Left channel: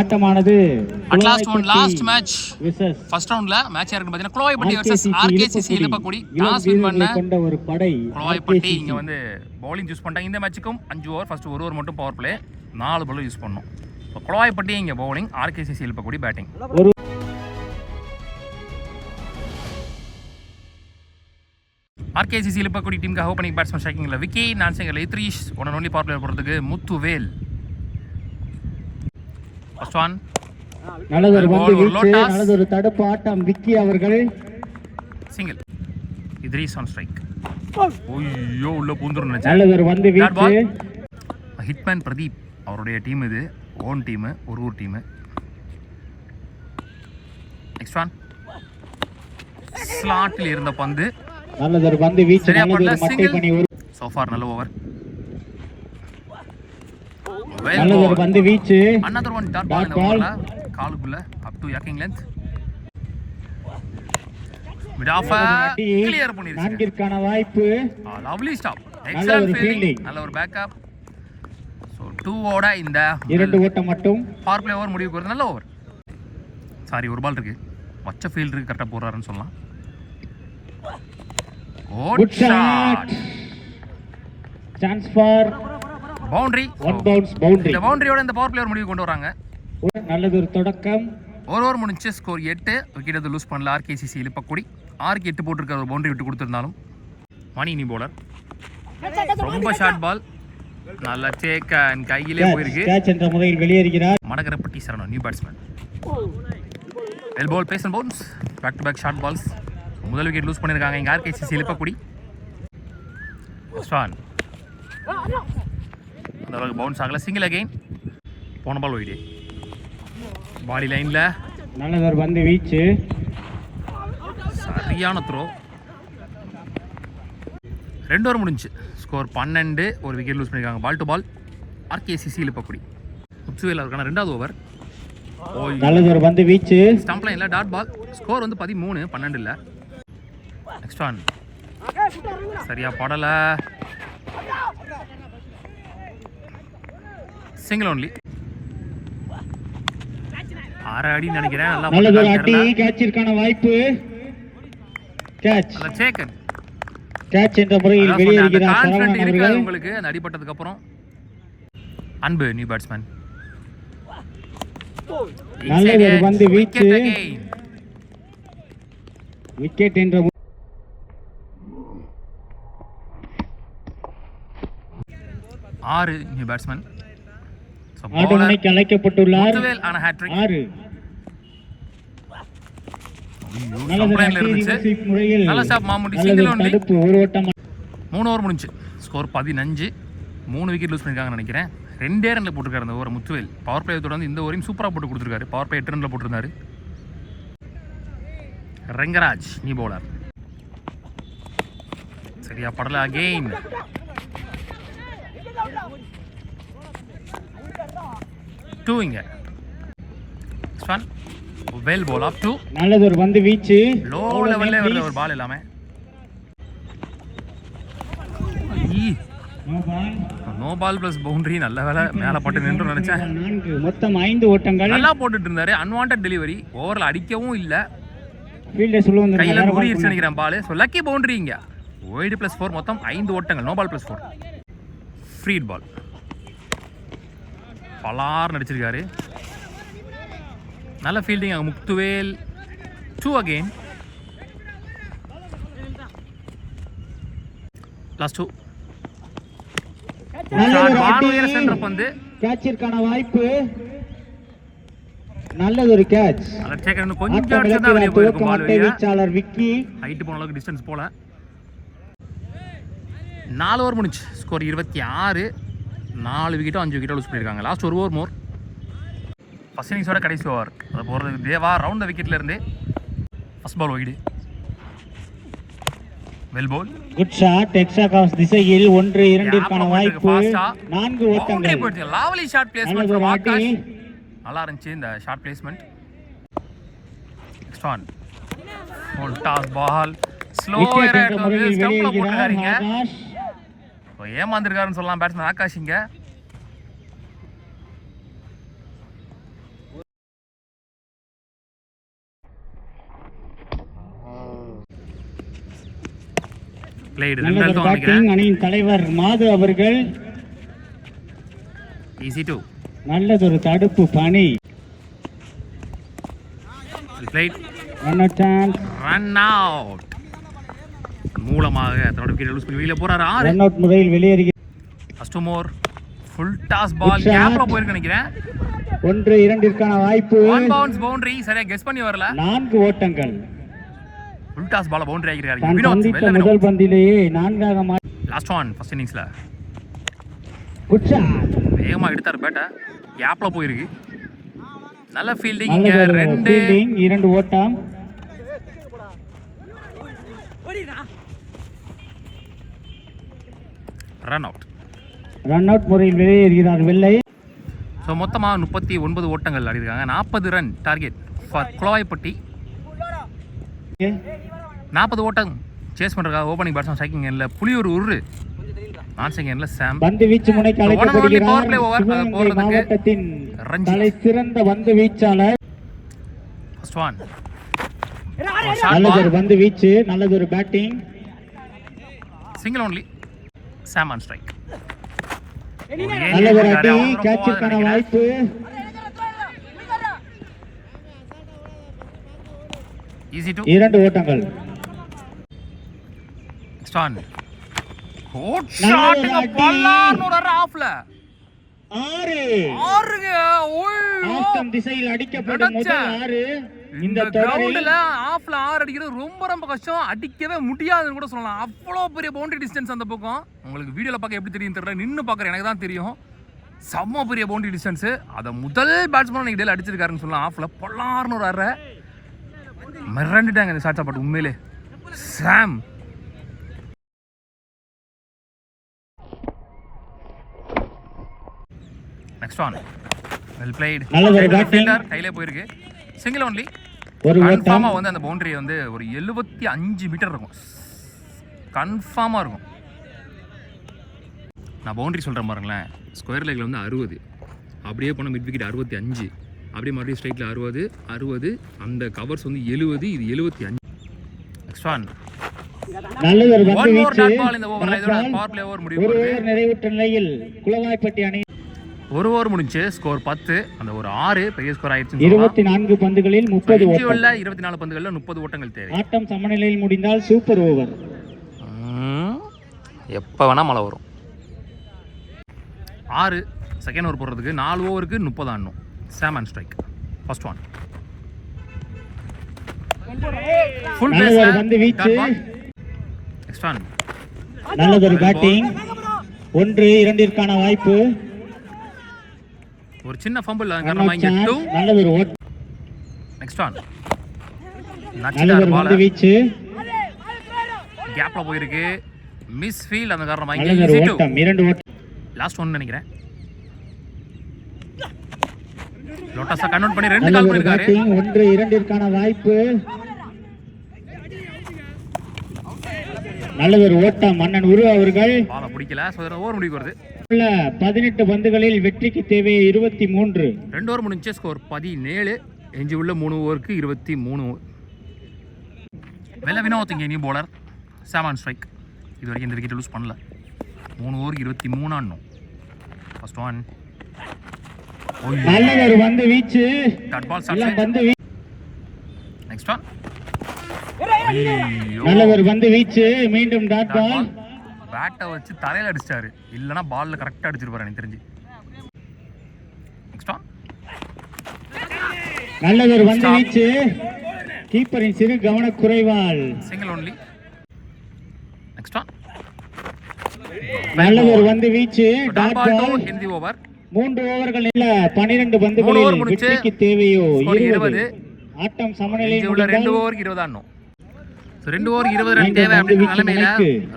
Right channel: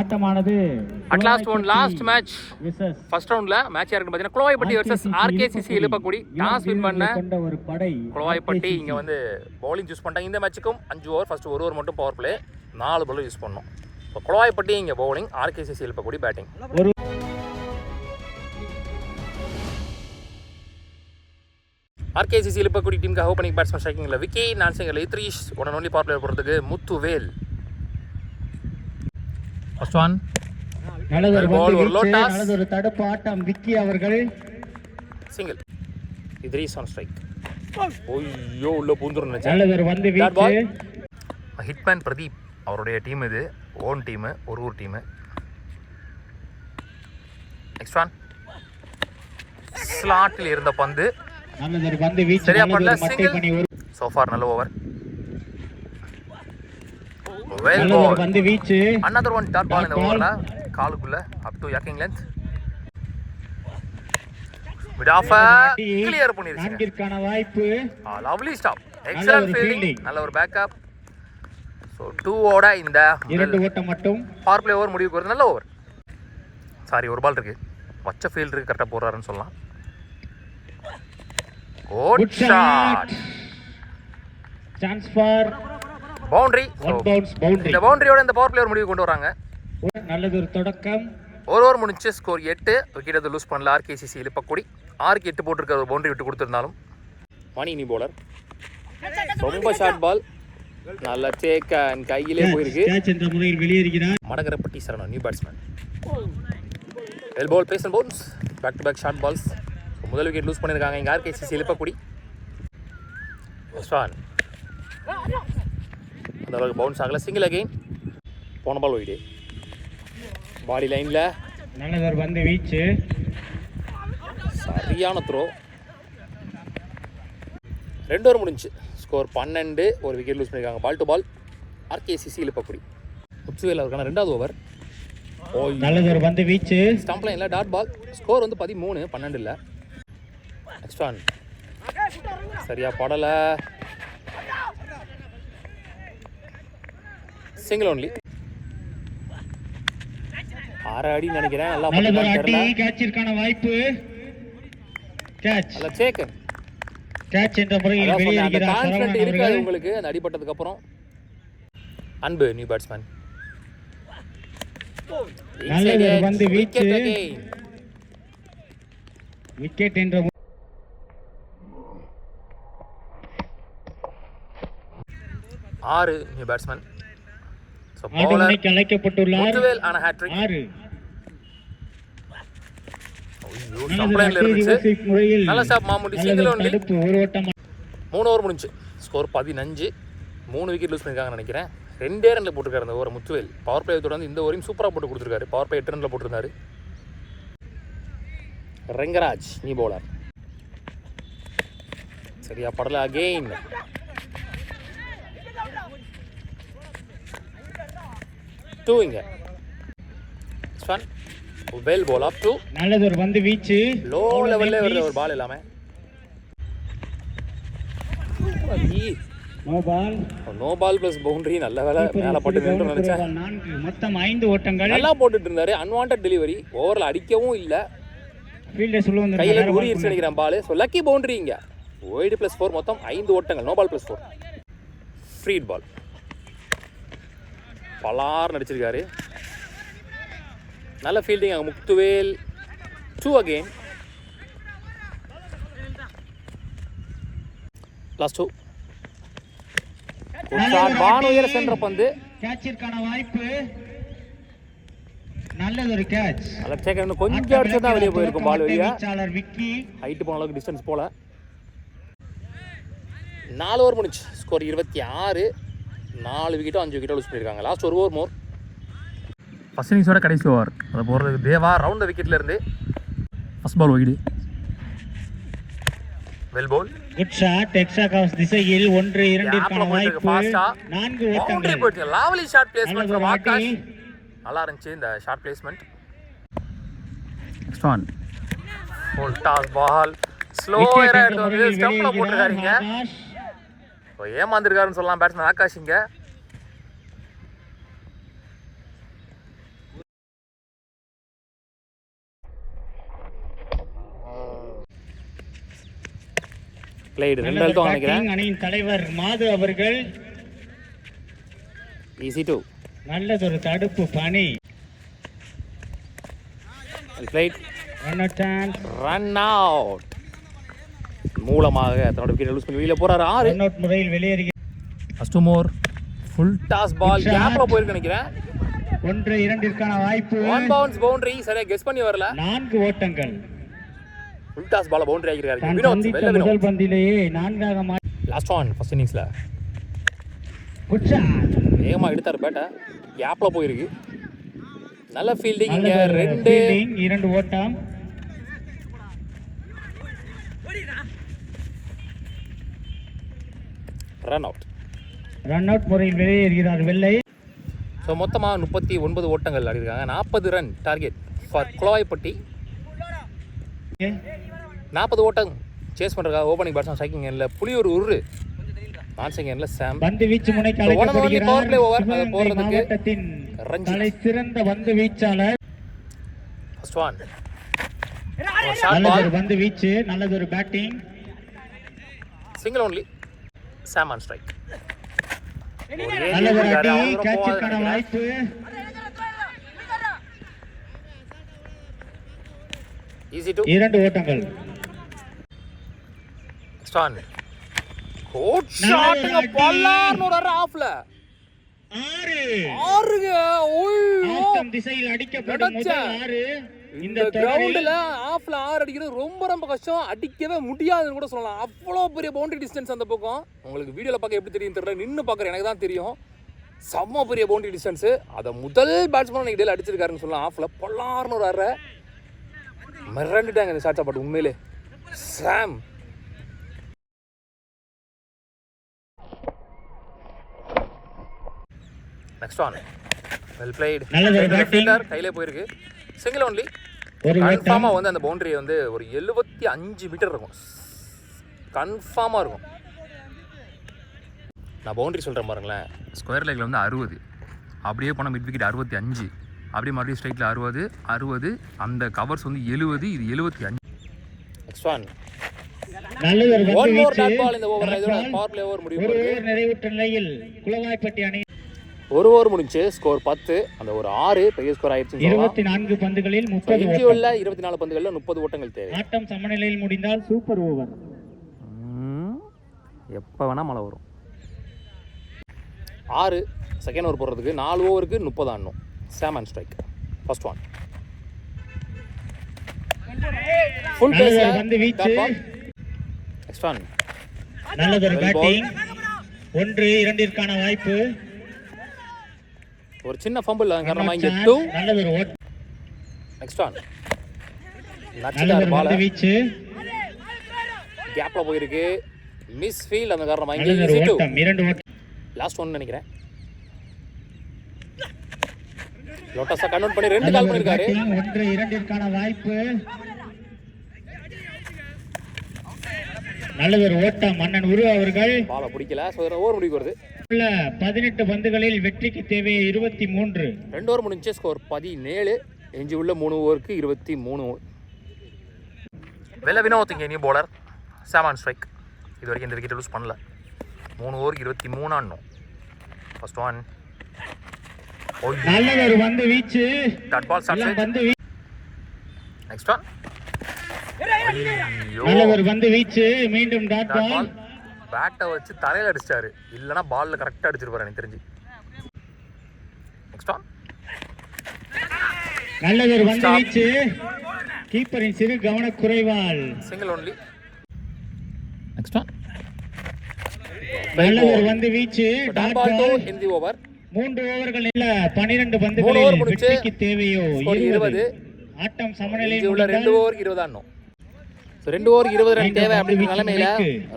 ஆட்டமானது at last match first ரவுண்ட்ல match யாருக்கு பாத்தீங்கன்னா Kulovaipatti vs RKCC Iluppakudi toss win பண்ண கொண்ட ஒரு படை குளோவாய்ப்பட்டி இங்க வந்து பவுலிங் யூஸ் பண்ணிட்டாங்க. இந்த மேட்சுக்கும் 5 ஓவர் ஃபர்ஸ்ட் ஒரு ஓவர் மட்டும் பவர் பிளே 4 பால் யூஸ் பண்ணோம். இப்போ குளோவாய்ப்பட்டி இங்க பவுலிங், ஆர்கேசிசி இலுப்பக்குடி பேட்டிங். ஆர்கேசிசி இலுப்பக்குடி டீமுக்கு ஓப்பனிங் பேட்ஸ்மேன் ஸ்ட்ரைக்கிங்ல Vicky, nonstriker Idrees, one only power player போறதுக்கு முத்துவேல். ஃபர்ஸ்ட் ஒன் நல்லதொரு பந்து வீச்சு, நல்லதொரு தடுப்பு ஆட்டம் விக்கி அவர்கள். Single Idrees on strike. ஓய்யோ உள்ள பூந்துரும் நினைச்சேன். நல்லதொரு பந்து வீச்சு. ஹிட்மேன் பிரதீப் அவருடைய டீம் இது, ஓன் டீம், ஒரு ஊர் டீம். நெக்ஸ்ட் ஒன் ஸ்லாட்டில் இருந்த பந்து நல்லதொரு பந்து வீச்சு, சரியா படல. மட்டை பண்ணி ஒரு சோ ஃபார் நல்ல ஓவர். நல்லதொரு பந்து வீச்சு. another one dot ball in the over காலுக்குள்ள up to yaking length mid off clear பண்ணிருச்சு. நான்கிற்கான வாய்ப்பு. lovely stop, excellent fielding, நல்ல ஒரு பேக்கப். சோ 2 ஓட இந்த 2 ஓட்டம் மட்டும் பவர் பிளே ஓவர் முடிவுக்கு வருது. நல்ல ஓவர். சாரி ஒரு பால் இருக்கு, வச்ச ஃபீல்டருக்கு கரெக்டா போறாருன்னு சொல்லலாம். Good shot, chance for boundary. One bounce boundary. இந்த பவுண்டரியோட இந்த பவர் பிளேயர் முடிவு கொண்டு வராங்க. நல்லதொரு தொடக்கம். ஒரு ஓவர் முடிஞ்சு ஸ்கோர் 8. விக்கெட் எதுவும் லூஸ் பண்ணல ஆர்கேசிசி இலுப்பக்குடி. 6க்கு 8 போட்டிருக்க ஒரு பவுண்டரி விட்டு கொடுத்துருந்தாலும் மணி நீ போலர் ரொம்ப ஷார்ட் பால், நல்ல டேக் அண்ட் கையிலே போயிருக்கு. கேட்ச் என்ற முறையில் வெளியேறுகிறார் Madagarapatti Saranam new batsman. Well ball pace and bounce, back to back short balls. முதல் விக்கெட் லூஸ் பண்ணியிருக்காங்க இங்கே ஆர்கேசிசி இலுப்பக்குடி. ஃபர்ஸ்ட் ஒன் அந்த அளவுக்கு பவுன்ஸ் ஆகல. சிங்கிள் அகைன், போன பால் ஒயிட். பாடி லைன்ல நல்லதொரு பந்து வீச்சு, சரியான த்ரோ. 2 ஓவர் முடிஞ்சு ஸ்கோர் 12. ஒரு விக்கெட் லூஸ் பண்ணியிருக்காங்க. Ball to ball ஆர்கேசிசி Iluppakudi. Muthuvel அவருக்கான 2வது ஓவர். நல்லதொரு பந்து வீச்சு, ஸ்டம்ப் லைன்ல டாட் பால். ஸ்கோர் வந்து 13, 12 இல்ல. நெக்ஸ்ட் ஒன் சரியா படல, சிங்கிள் ஒன்லி. 6 அடி நினைக்கிறேன். நல்லதொரு அடி, கேட்சிற்கான வாய்ப்பு. கேட்ச், நல்ல சேக்கன். கேட்ச் என்ற முறையில் வெளியேறுகிறார் சரவணன் அவர்கள். உங்களுக்கு அந்த அடிபட்டதுக்கு அப்புறம் அன்பு நியூ பேட்ஸ்மேன். நல்லதொரு பந்து வீச்சு, விக்கெட் என்ற 6 நியூ பேட்ஸ்மேன். ஆடுமணிக்கு அழைக்கப்பட்டுள்ளார். முத்துவேல் ஆன ஹேட்ரிக். 6 லைன்ல இருந்துச்சு. நல்ல ஸ்டாப் மாமுட்டி. Single only. ஒரு ஓட்டம். 3 ஓவர் முடிஞ்சு ஸ்கோர் 15. 3 விக்கெட் லூஸ் பண்ணிருக்காங்கன்னு நினைக்கிறேன். 2 ரன்ல போட்டுருக்காரு அந்த ஓவர் முத்துவேல். பவர் பிளே தொடர்ந்து இந்த ஓவரையும் சூப்பரா போட்டு கொடுத்துருக்காரு. பவர் பிளே 8 ரன்ல போட்டிருந்தாரு. ரெங்கராஜ் நீ பவுலர், சரியா படல. அகெயின் இங்க swan well ball up to. நல்லதொரு பந்து வீச்சு, லோ லெவல்ல வருது ஒரு பால் எல்லாமே. No ball plus boundary. நல்ல வேலை மேல போட்டு நின்று நினைச்சேன். 4 மொத்தம் 5 ஓட்டங்கள். நல்லா போட்டுட்டு இருந்தாரு. அன்வான்டட் டெலிவரி, ஓவர்ல அடிக்கவும் இல்ல. ஃபீல்டர் சொல்ல வந்து கையில குறியிச்சு நினைக்கிறேன் பால். சோ லக்கி பவுண்டரி இங்க. வைட் பிளஸ் 4 மொத்தம் 5 ஓட்டங்கள். நோ பால் பிளஸ் 4 ஃப்ரீட் பால். பலார் நடிச்சிருக்காரு. நல்ல ஃபீல்டிங் அங்க முத்துவேல். 2 அகைன். லாஸ்ட் 2. சென்டர் பந்து, கேட்சிற்கான வாய்ப்பு. நல்லதொரு கேட்ச். நல்ல டேக். இன்னும் கொஞ்சம் அடிச்சா வெளிய போயிருக்கும் பால். வீச்சாளர் விக்கி ஹைட் போன அளவுக்கு டிஸ்டன்ஸ் போல. 4 ஓவர் முடிஞ்சு ஸ்கோர் 26. 4 விக்கெட்டோ 5 விக்கெட்டோ லூஸ் பண்ணியிருக்காங்க. லாஸ்ட் ஒரு ஓவர் மோர். ஃபர்ஸ்ட் இன்னிங்ஸோட கடைசி ஓவர். அதை போகிறதுக்கு தேவா ரவுண்ட் விக்கெட்ல இருந்து first ball wide. Well ball, good shot. Extra cover திசையில் 1-2க்கான வாய்ப்பு. 4 ஓட்டங்கள். Lovely shot placement from Aakash. நல்லா இருந்துச்சு இந்த shot placement. Next one full toss ball. Slower எடுத்து வந்து ஸ்டம்ப்ல போட்டுறாருங்க. ஏமாந்துருக்காருன்னு சொல்லலாம் பேட்ஸ்மேன் ஆகாஷ். இங்க பிளேடு நல்ல ஒரு பேட்டிங். அணியின் தலைவர் மாது அவர்கள் ஈஸி 2 நல்லதொரு தடுப்பு பணி. பிளேட் ரன் அவுட் மூலமாக தன்னோட விக்கெட் லூஸ் பண்ணி வெளியில போறாரு. 6 ரன் அவுட் முறையில் வெளியேறுகிறது. First more full toss ball கேப்ல போயிருக்கு நினைக்கிறேன். 1-2 வாய்ப்பு. ஒன் பவுன்ஸ் பவுண்டரி சரியா கெஸ் பண்ணி வரல. 4 ஓட்டங்கள். ஃபுல் டாஸ் பால் பவுண்டரி ஆகிருக்காரு. தான் வினோத் சந்தித்த முதல் பந்திலேயே 4ஆக லாஸ்ட் ஒன் ஃபர்ஸ்ட் இன்னிங்ஸ்ல குட் ஷாட். வேகமா எடுத்தார் பேட்டை கேப்ல போயிருக்கு. நல்ல ஃபீல்டிங். இங்க நல்ல 2 ஃபீல்டிங். 2 ஓட்டம். Run out. ரன் அவுட் முறையில் வெளியேறுகிறார் வெள்ளை. ஸோ மொத்தமாக 39 ஓட்டங்கள் ஆடிருக்காங்க. 40 ரன் டார்கெட் ஃபார் குளவாய்ப்பட்டி. 40 ஓட்டம் சேஸ் பண்ணுறதுக்காக ஓப்பனிங் பேட்ஸ்மேன் ஸ்ட்ரைக்கிங் எண்ணில் புலியூர் உரு, நான் செகண்ட்ல சாம். பந்து வீச்சு முனைக்கு அழைக்கப்படுகிறார். சிவகங்கை போறதுக்கு மாவட்டத்தின் தலை சிறந்த பந்து வீச்சாளர். ஃபர்ஸ்ட் ஒன் நல்லதொரு பந்து வீச்சு. நல்லதொரு batting. Single only Sam on strike. நல்லதொரு அடி. கேட்சிற்கான வாய்ப்பு. ஈஸி 2 2 ஓட்டங்கள். ஸ்டான் கோட் ஷாட் பல்லார்னு ஆஃப்ல 6 ஆஸ்டம் திசையில் அடிக்கப்படும் முதல் 6 இந்த கிரவுண்ட்ல ஆஃப்ல 6 அடிக்கிறது ரொம்ப ரொம்ப கஷ்டம். அடிக்கவே முடியாதுன்னு கூட சொல்லலாம். அவ்வளோ பெரிய பவுண்டரி டிஸ்டன்ஸ் அந்த பக்கம். உங்களுக்கு வீடியோல பார்க்க எப்படி தெரியும் தெரியல, நின்று பார்க்குற எனக்கு தான் தெரியும். செம்ம பெரிய பவுண்டரி டிஸ்டன்ஸ். அதை முதல் பேட்ஸ்மேன் இன்னைக்கு டேல அடிச்சிருக்காருன்னு சொல்லலாம். ஆஃப்ல பொல்லார்னு ஒரு 6 மிரண்டுட்டாங்க இந்த ஷாட்ஸா. பட் உண்மையிலே சாம் நெக்ஸ்ட் ஒன் வெல் பிளேட். கையிலே போயிருக்கு. Single only. கன்ஃபார்மா வந்து அந்த பவுண்டரி வந்து ஒரு 75 மீட்டர் இருக்கும். கன்ஃபார்மா இருக்கும். நான் பவுண்டரி சொல்றேன் பாருங்களேன். ஸ்கொயர் லெக்ல வந்து 60, அப்படியே போனால் மிட் விக்கெட் 65, அப்படியே மறுபடியும் ஸ்ட்ரைட்ல 60, அந்த கவர்ஸ் வந்து 70, இது 75. நெக்ஸ்ட் ஒன் நல்ல ஒரு பந்து வீச்சு. இந்த ஓவர்ல இதோட பவர் பிளே ஓவர் முடிவு. ஒரு ஓவர் நிறைவுற்ற நிலையில் குளவாய்ப்பட்டி அணி ஒரு ஓவர் முடிஞ்சு ஸ்கோர் 10. அந்த ஒரு 6 பெரிய ஸ்கோர் ஆயிடுச்சு. 24 பந்துகளில் 30 ஓட்டம். 24 பந்துகளில் 30 ஓட்டங்கள் தேவை. ஆட்டம் சமநிலையில் முடிந்தால் சூப்பர் ஓவர். எப்போ வேணா மழை வரும். 6 செகண்ட் ஓவர் போடுறதுக்கு 4 ஓவருக்கு 30 ஆடணும். Sam and strike. First one full நல்ல பந்து வீச்சு. நெக்ஸ்ட் ஒன் நல்லதொரு பேட்டிங். 1-2 வாய்ப்பு. ஒரு சின்ன ஃபம்பிள் காரணமா இங்க 2. நல்லதொரு ஓட்டம். நெக்ஸ்ட் ஒன் நல்லதொரு பந்து வீச்சு. கேப்ல போயிருக்கு. மிஸ் ஃபீல்ட் அந்த காரணமா இங்க நல்லதொரு ஈஸி 2. ஓட்டம். 2 ஓட்டம். லாஸ்ட் ஒன் நினைக்கிறேன். லோட்டஸா கன்வெர்ட் பண்ணி 2 கால் பண்ணிருக்காரு. 1-2 வாய்ப்பு. நல்லதொரு ஓட்டம். மன்னன் உரு அவர்கள் பால பிடிக்கல. சோ ஓவர் முடிவுக்கு வருது. 18 பந்துகளில் வெற்றிக்கு தேவை 23. 2 ஓவர் முடிஞ்சு ஸ்கோர் 17. எஞ்சி உள்ள 3 ஓவருக்கு 23. வெள்ள வினோத் இங்கே new bowler. Sam on strike. இது வரைக்கும் இந்த விக்கெட் லூஸ் பண்ணல. 3 ஓவருக்கு 23 ஆடணும். ஃபர்ஸ்ட் ஒன் நல்லதொரு பந்து வீச்சு. டாட் பால் ஸ்டார்ட் பந்து வீச்சு. நெக்ஸ்ட் ஒன் நல்லதொரு பந்து வீச்சு. மீண்டும் டாட் பால். பேட்டை வச்சு தரையில அடிச்சாரு. இல்லனா பால்ல கரெக்ட்டா அடிச்சிருப்பாரு எனக்கு தெரிஞ்சு. நெக்ஸ்ட் ஒன் நல்லதொரு பந்து வீச்சு. கீப்பரின் சிறு கவனக்குறைவால் சிங்கிள் ஒன்லி. நெக்ஸ்ட் ஒன் நல்லதொரு பந்து வீச்சு. Dot ball. ஹிந்தி ஓவர். 3 ஓவர்கள் இல்ல 12 பந்துகளில் வெற்றிக்கு தேவையோ 20. ஆட்டம் சமநிலையில் முடிந்தால் 2 ஓவருக்கு 20 ஆடணும். சோ 2 ஓவர் 20 ரன் தேவை அப்படிங்கிற நிலைமையில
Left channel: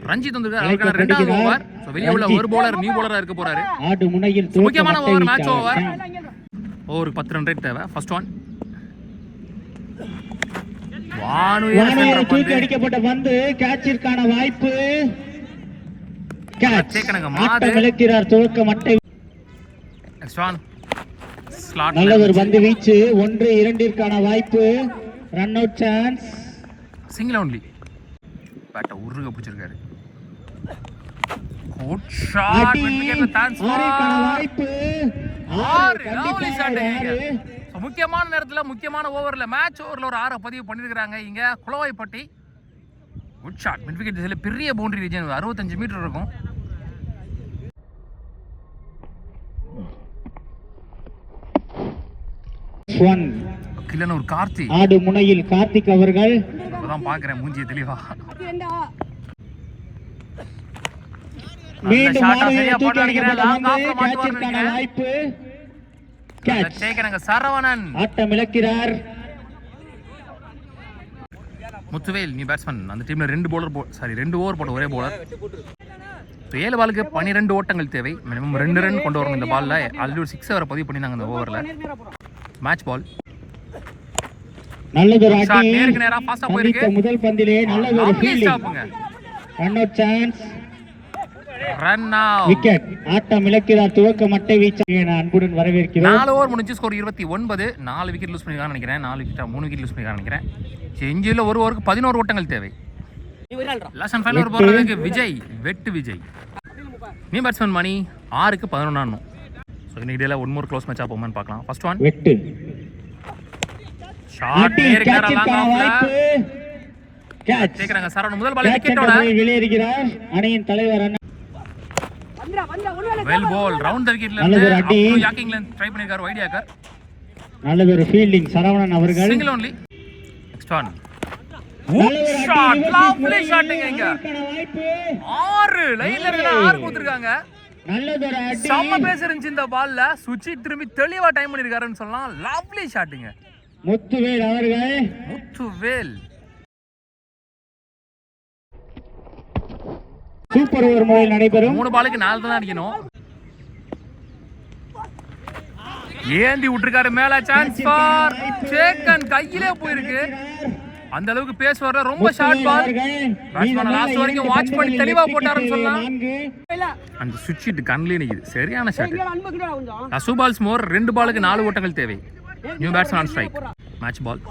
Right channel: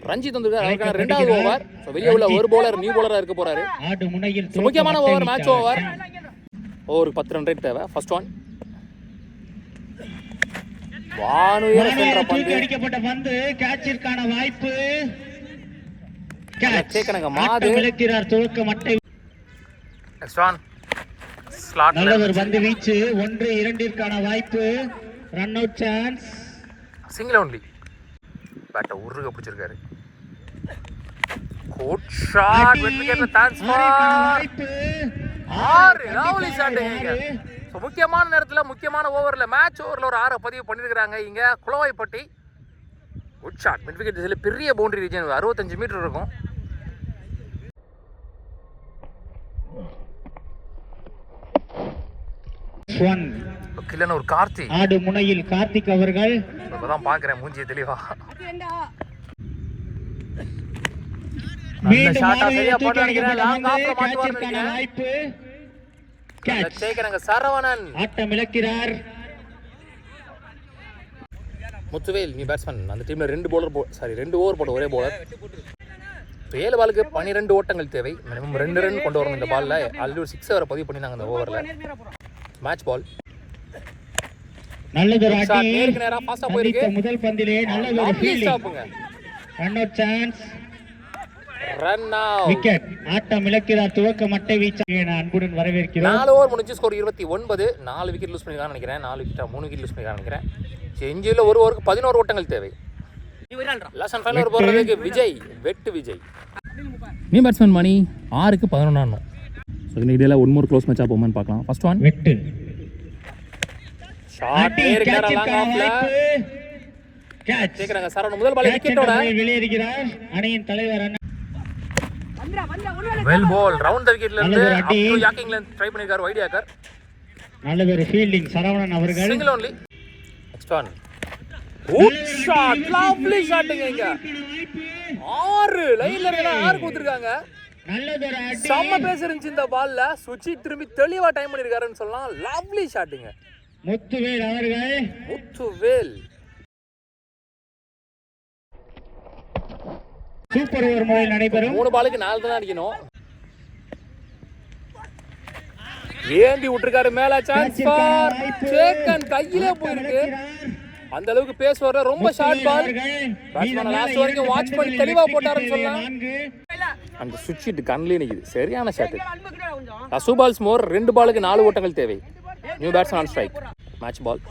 ரஞ்சித் வந்திருக்காரு. அவருக்கு ரெண்டாவது ஓவர். சோ வெளிய உள்ள ஒரு பவுலர் நியூ பவுலரா இருக்க போறாரு. ஆடு முனையில் முக்கியமான ஓவர் மேட்ச் ஓவர். ஓவருக்கு 10 ரன் ரேட் தேவை. ஃபர்ஸ்ட் ஒன் வானுயர தூக்கி அடிக்கப்பட்ட பந்து. கேட்சிற்கான வாய்ப்பு. கேட்ச். ஆட்டம் இழக்கிறார் துவக்க மட்டை. Next one slot. நல்லதொரு பந்து வீச்சு. 1-2 வாய்ப்பு. Run out chance. Single only. பேட்டை உருக பிடிச்சிருக்காரு. குட் ஷாட் விக்கெட்ல ட்ரான்ஸ்ஃபர். வாய்ப்பு 6 லவ்லி ஷாட்டுங்க. ஸோ முக்கியமான நேரத்தில் முக்கியமான ஓவரில் மேட்ச் ஓவரில் ஒரு 6 பதிவு பண்ணியிருக்கிறாங்க இங்கே Kulavaipatti. Good shot mid wicket திசையில் பெரிய பவுண்டரி ரீஜன் 65 மீட்டர் இருக்கும். கில்லன் ஒரு கார்த்தி ஆடு முனையில் கார்த்திக் அவர்கள். இப்பதான் பாக்குறேன் மூஞ்சி தெளிவா. மீண்டும் வாய்ப்பு சரவணன் ஆட்டம் இழக்கிறார். முத்துவேல் நீ பேட்ஸ்மேன். அந்த டீம்ல 2 ஓவர் போட்ட ஒரே போலர். 7 பாலுக்கு 12 ஓட்டங்கள் தேவை. மினிமம் 2 ரன் கொண்டு வரணும் இந்த பால்ல. ஆல்ரெடி ஒரு 6 வரை பதிவு பண்ணினாங்க இந்த ஓவர்ல. மேட்ச் பால் நல்லது. நேரா ஃபாஸ்டா போயிருக்கு. முதல் பந்திலே நல்ல ஒரு fielding. Run out chance. Run out. Wicket. ஆட்டம் இழக்கிறார். துவக்க மட்டை வீச்சாக அன்புடன் வரவேற்கிறோம். 4 ஓவர் முடிஞ்சு ஸ்கோர் 29. 4 விக்கெட் லூஸ் பண்ணிருக்கான்னு நினைக்கிறேன். 4 விக்கெட்டா 3 விக்கெட் லூஸ் பண்ணிருக்கான்னு நினைக்கிறேன். செஞ்சில ஒரு ஓவருக்கு 11 ஓட்டங்கள் தேவை. லாஸ்ட் அண்ட் ஃபைனல் ஓவர் போறதுக்கு விஜய் வெட்டு விஜய். நீ பேட்ஸ்மேன் மணி 6க்கு 11 ஆடணும். ஸோ இன்னைக்கு டேல ஒன் மோர் க்ளோஸ் மேட்சா போகுமான்னு பார்க்கலாம். ஃபர்ஸ்ட் ஒன் வெட்டு ஷாட் வாய்ப்பு கேட்ச். கேக்குறாங்க சரவணன் முதல் பால் விக்கெட்டோட வெளியேறுகிறார். அணியின் தலைவர் வெல் பால் ரவுண்ட் தி விக்கெட்ல இருந்து அப் டு யாக்கிங்ல ட்ரை பண்ணிருக்காரு வைட் யாக்கர். நல்ல ஒரு ஃபீல்டிங் சரவணன் அவர்கள். Single only. Next one good shot lovely ஷாட்ங்க இங்க. 6 லைன்ல இருக்க 6 போட்டுருக்காங்க. நல்லதொரு அடி. செம்ம பேஸ் இருந்துச்சு இந்த பால்ல. சுச்சி திரும்பி தெளிவா டைம் பண்ணிருக்காருன்னு சொல்லலாம். லவ்லி ஷாட்ங்க. முத்துவேல் அவர்கள். முத்துவேல் சூப்பர் ஓவர் முறையில் நடைபெறும். 3 பாலுக்கு 4 தான் அடிக்கணும். ஏந்தி விட்டுருக்காரு மேல. சான்ஸ் ஃபார் சேக்கன் கையிலே போயிருக்கு. அந்த அளவுக்கு பேஸ் வர ரொம்ப ஷார்ட் பால். பேட்ஸ்மேன் லாஸ்ட் வரைக்கும் வாட்ச் பண்ணி தெளிவா போட்டாருன்னு சொல்லலாம். அந்த சுவிட்ச் ஹிட் கண்ணிலே நிக்குது. சரியான ஷாட். டூ பால்ஸ் மோர். 2 பாலுக்கு 4 ஓட்டங்கள் தேவை. New batsman on strike. Match ball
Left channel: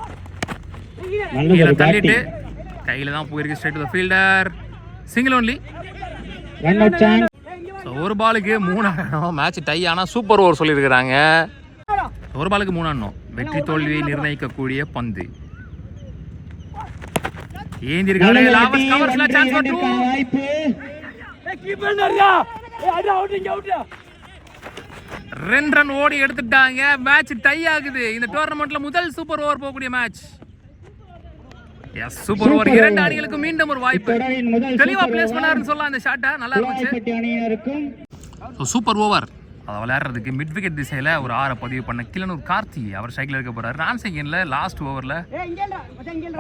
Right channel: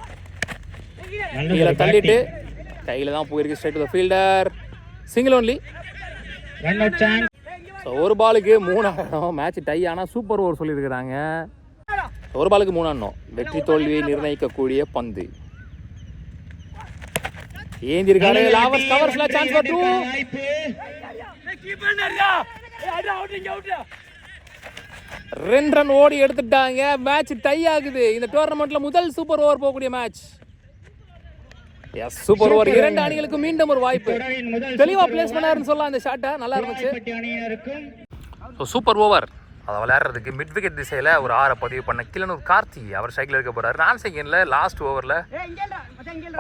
தள்ளிட்டு கையில தான் போயிருக்கு. Straight to the fielder. Single only. Run out chance. ஒரு பாலுக்கு 3 ஆடணும். மேட்ச் டை ஆனா சூப்பர் ஓவர் சொல்லியிருக்கிறாங்க. ஒரு பாலுக்கு 3 ஆடணும். வெற்றி தோல்வியை நிர்ணயிக்கக்கூடிய பந்து. ஏந்திருக்காரு. லாவஸ் கவர்ஸ்ல சான்ஸ் ஃபார் 2. வாய்ப்பு கீப்பர் நரியா. அது அவுட் இங்க அவுட். 2 ரன் ஓடி எடுத்துட்டாங்க. மேட்ச் டை ஆகுது. இந்த டோர்னமெண்ட்ல முதல் சூப்பர் ஓவர் போகக்கூடிய மேட்ச். Yes super over. 2 அணிகளுக்கு மீண்டும் ஒரு வாய்ப்பு. தெளிவா பிளேஸ் பண்ணாருன்னு சொல்லலாம் இந்த ஷாட்டை. நல்லா இருந்துச்சு. ஸோ சூப்பர் ஓவர் அதை விளையாடுறதுக்கு மிட் விக்கெட் திசையில் ஒரு 6 பதிவு பண்ண கில்லன் ஒரு கார்த்தி அவர் ஸ்ட்ரைக்கில் இருக்க போறாரு. நான் செகண்ட்ல லாஸ்ட் ஓவரில்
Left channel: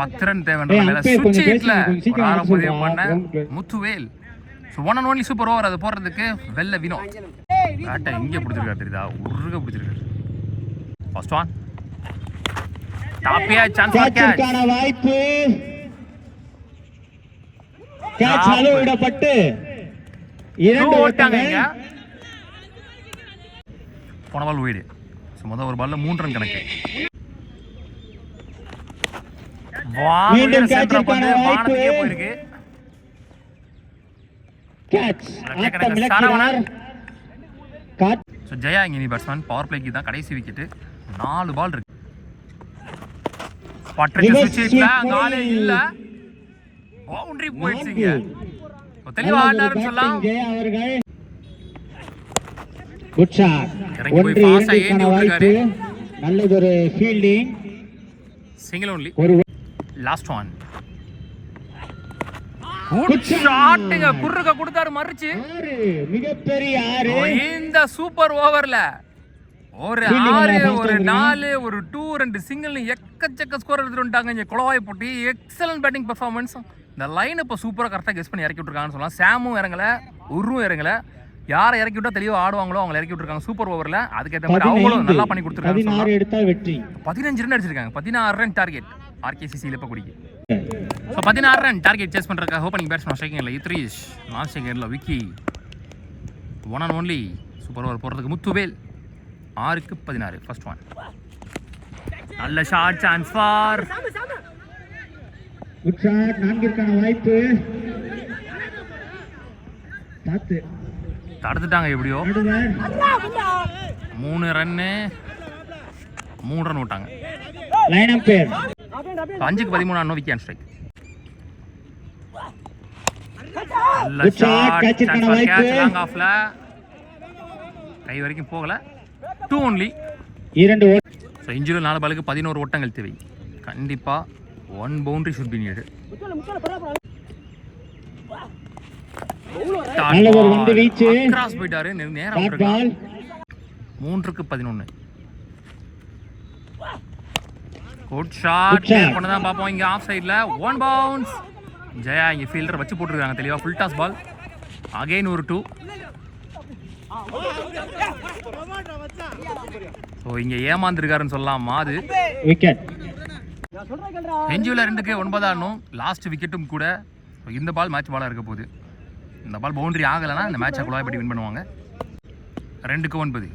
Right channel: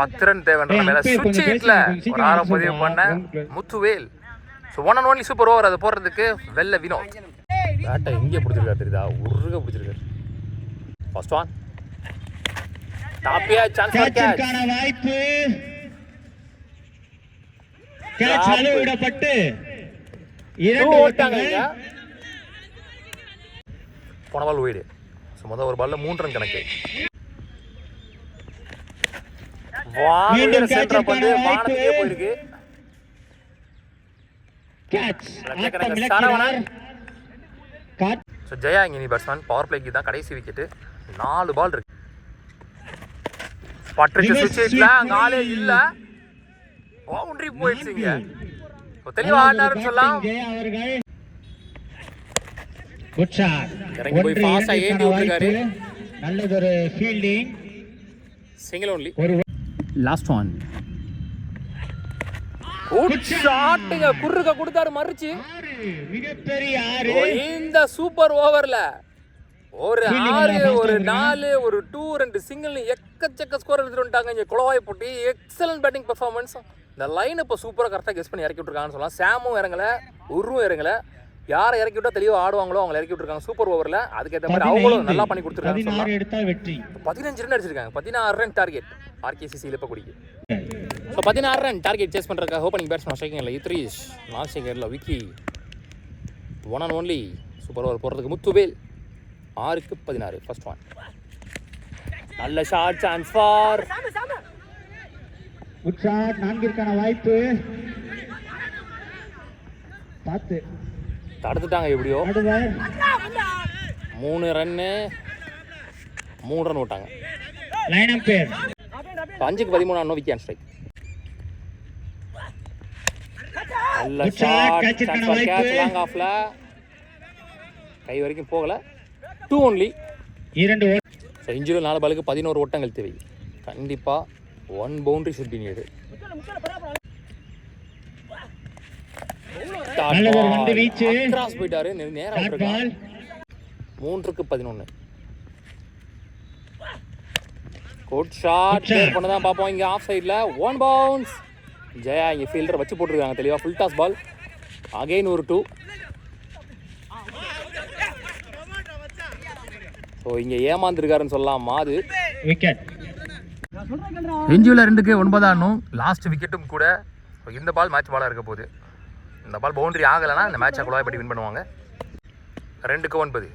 10 ரன் தேவைன்ற சுவிட்ச் ஹிட்ல ஒரு 6 பதிவு பண்ண Muthuvel. So 1 and only super over அதை போடுறதுக்கு வெள்ள வினோத். பேட்டை இங்கே பிடிச்சிருக்காரு தெரியுதா. உருக பிடிச்சிருக்காரு. ஃபர்ஸ்ட் ஒன் டாப்பியா சான்ஸ் ஃபார் கேட்ச். வாய்ப்பு கேட்ச் அலோவிடப்பட்டு 2 ஓட்டங்கள். போன பால் வீடு. ஸோ முதல் ஒரு பால்ல 3 ரன் கணக்கு. மீண்டும் கேட்ச் வானத்துக்கே போயிருக்கு. கேட்ச் சரவணன். ஸோ ஜெயா இனி பேட்ஸ்மேன் பவர் பிளேக்கு தான் கடைசி விக்கெட். 4 பால் இருக்கு. பட்ரிச்சு சுவிட்ச்ல காலே இல்ல. பவுண்டரி போயிடுச்சுங்க. தெளிவா ஆடாருன்னு சொல்லலாம். Good shot. 1-2 வாய்ப்பு. நல்லதொரு ஃபீல்டிங். Single only. ஒரு லாஸ்ட் ஒன் குட் ஷாட்ங்க. குறுக்க கொடுத்தாரு மறிச்சு. மிகப்பெரிய 6. இந்த சூப்பர் ஓவர்ல ஒரு 6 ஒரு 4 ஒரு 2 2 சிங்கிள் எக்கச்சக்க ஸ்கோர் எடுத்துட்டு வந்துட்டாங்க. இங்க குளவாய் போட்டி எக்ஸலன்ட் பேட்டிங் பெர்ஃபார்மன்ஸ். இந்த லைன் இப்போ சூப்பராக கரெக்டாக கெஸ் பண்ணி இறக்கி விட்டுருக்காங்கன்னு சொல்லலாம். சாமும் இறங்கல, உருவும் இறங்கல. யாரை இறக்கி விட்டா தெளிவாக ஆடுவாங்களோ அவங்க இறக்கி விட்டுருக்காங்க சூப்பர் ஓவரில். அதுக்கேற்ற மாதிரி அவங்களும் நல்லா பண்ணி கொடுத்துருக்காங்க. 16 எடுத்தா வெற்றி. 15 run target. 16 run target RKCC இலப்பக்குடிக்கு. ஸோ 16 ரன் டார்கெட் சேஸ் பண்ணுறதுக்காக ஓப்பனிங் பேட்ஸ்மேன் ஸ்ட்ரைக்கிங்கில் இத்ரீஷ், நான் செகண்டில் Vicky. 1 and only super over போடுறதுக்கு முத்துவேல். 6க்கு 16 ஃபர்ஸ்ட் ஒன். நல்ல shot chance for good shot. 4ற்கான வாய்ப்பு. சாத்து தடுத்துட்டாங்க எப்படியோ. நடுவர் 3 ரன்னு 3 ரன் விட்டாங்க. லைன் அம்பையர் 5க்கு 13 அன்னோ wicket strike. Good shot, catch பண்ண வாய்ப்பு. லாங் ஆஃப்ல கை வரைக்கும் போகல. 2 only. 2 ஸோ இன்ஜுரி 4 பாலுக்கு 11 ஓட்டங்கள் தேவை. கண்டிப்பா 1 பவுண்டரி should be needed. நல்ல ஒரு வந்து வீச்சு. கிராஸ் போயிட்டாரு நேரா டாட் பால் 3க்கு 11. குட் ஷாட் பண்ணதான் பாப்போம். இங்க ஆஃப் சைடுல 1 பவுன்ஸ். ஜெயா இங்க ஃபீல்டர் வச்சு போட்டுருக்காங்க தெளிவா. ஃபுல் டாஸ் பால். அகைன் ஒரு 2. ஸோ இங்க ஏமாந்துருக்காருன்னு சொல்லலாமா? அது விக்கெட். இன்ஜுரியில் 2க்கு 9 ஆடணும். லாஸ்ட் விக்கெட்டும் கூட. இந்த பால் மேட்ச் பாலாக இருக்க போகுது. இந்த பால் பவுண்டரி ஆகலைன்னா இந்த மேட்சை குழாய்பட்டி வின் பண்ணுவாங்க. 2க்கு 9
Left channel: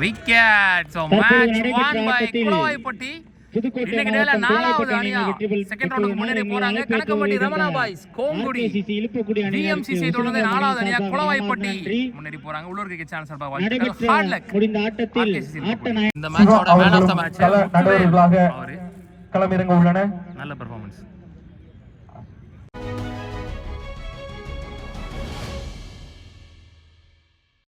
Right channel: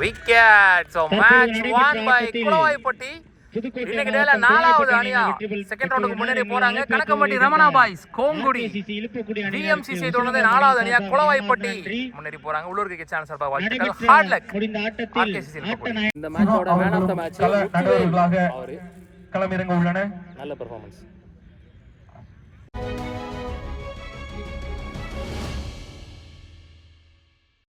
விக்கெட். So match won by Kuzhaipatti. இன்னைக்கு டேல 4வது அணியா செகண்ட் ரவுண்டுக்கு முன்னேறி போறாங்க. கணக்கம்பட்டி ரமணா பாய்ஸ் கோங்குடி டிஎம்சிசி தொடர்ந்து 4வது அணியா குளவாய்ப்பட்டி முன்னேறி போறாங்க. உள்ளூர் கிரிக்கெட் சேனல் சார்பாக வாழ்த்துக்கள். Hard luck. முடிந்த ஆட்டத்தில் இந்த மேட்சோட மேன் ஆஃப் த மேட்ச் நடுவர்களாக களமிறங்க உள்ளன. நல்ல பெர்ஃபார்மன்ஸ்.